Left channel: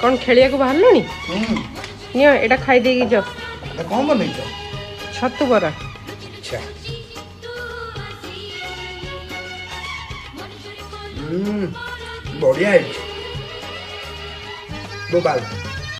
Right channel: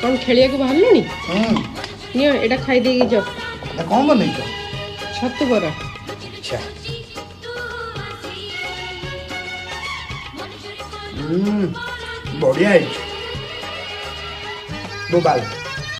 कौन खेलिया को बाहर लोनी नियो एटा खाई देगी जो कौन बनै छ छत्तू बरा अच्छा बढ़िया है बोबाल